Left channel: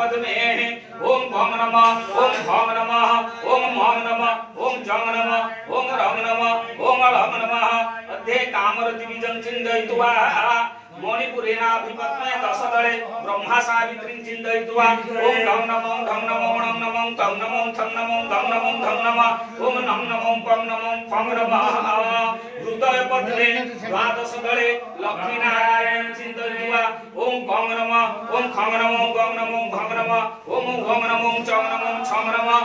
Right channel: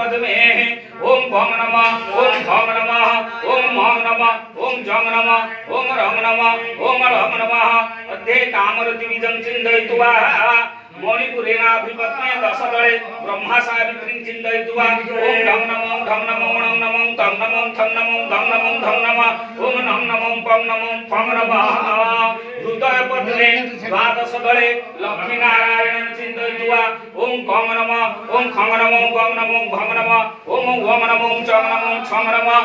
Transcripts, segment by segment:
पद्मे ओम भम नमः ओम भम नमः ओम मम नमः ओम जम नमः ओम रम नमः ओम रम नमः अध्ये कामरति विजं चिन्तयित्वा मणिपुरेणाभिपत्ने दशदले ब्रह्मा सावित्रीं चिन्तयित्वा ओम धम नमः धम नमः णं नमः तं नमः थं नमः धम नमः धम नमः ओम नं नमः पं नमः फम नमः हृदय पद्मे द्वादशदले लक्ष्मीनारायणं चिन्तयित्वा ओम कम नमः ओम खम नमः गम नमः भम नमः ओम वम नमः चं नमः छम नमः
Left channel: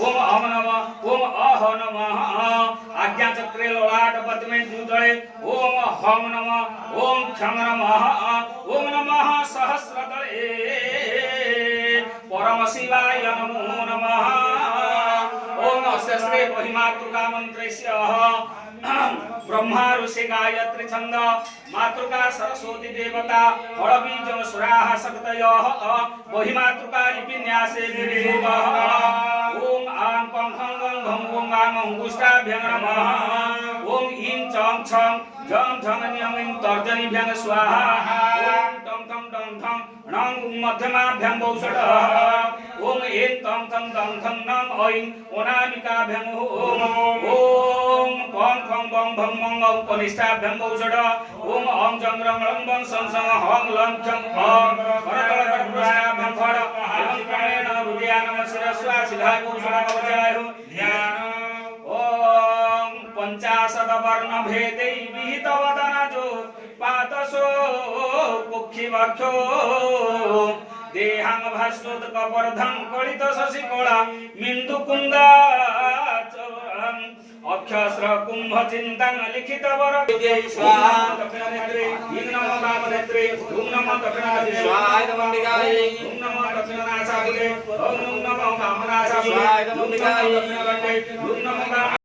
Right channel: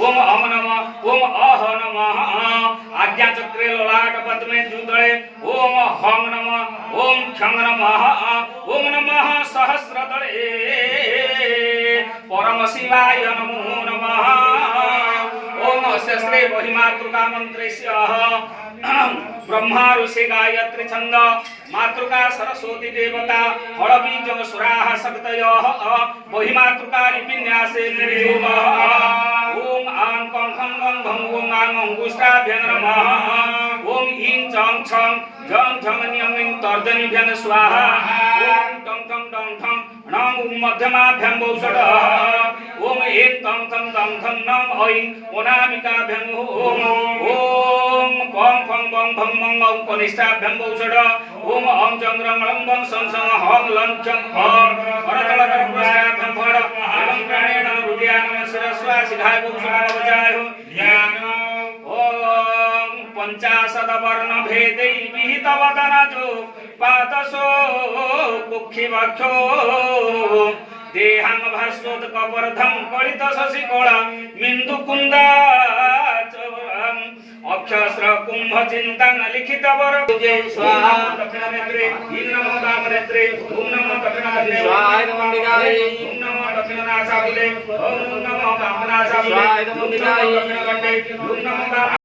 ओम अम नमः ओम अह नमः आज्ञाचक्रे ललाट पद्मे द्विदले ओम हम नमः ओम क्षम नमः ओम नमः सहस्रदले परम शिवाय नमो नमः ओम अस्य श्री महिमातृका मंत्रस्य ब्रह्मा ऋषि गायत्री छंद मातृका सरस्वती देवता हड़बीज सुराः शक्तयः महिमातृका लिपिन्यासे निर्योगः ओम आं कं खं गं घं ओम आं अंगुष्ठाभ्यं नमः ओम ईं चं छं जं झं न्यं ईं तर्जनीभ्यं स्वाहा ओम तं तं तं थं णं मध्यमाभ्यं वौषधः ओम ऐं तं तं तं थं नं ऐं ओनामिकाभ्यं ओम ओम पं फं बं भं मं औ कनिष्ठाभ्यं वौषधः ओम अं चं रं लं बं सं सं हं लं चं हं परतलकर्मस्याभ्यं फड एवं प्राणेन हृदयानं शिरस्वा सिधाय वौषधः ओम पंचाशत वर्ण भेदै विहित वदनजो पादसो कुक्षिवक्षो देहांग भास्वत कपर्धं कलित शशि कला मिंदु कुंदा अक्षस्र कुंभ चिंतन लिखित वर स्वाहा दक्षिण नेत्रे ईं नमो वाम नेत्रे ओम नमो दक्षिण नेत्रे स्वाहा नमो दिगाय ओम नमो दक्षिण नासाबुले ओम नमो वाम नासाबुले स्वाहा नमो दिगाय दक्षिण कंठे ओम नमो वाम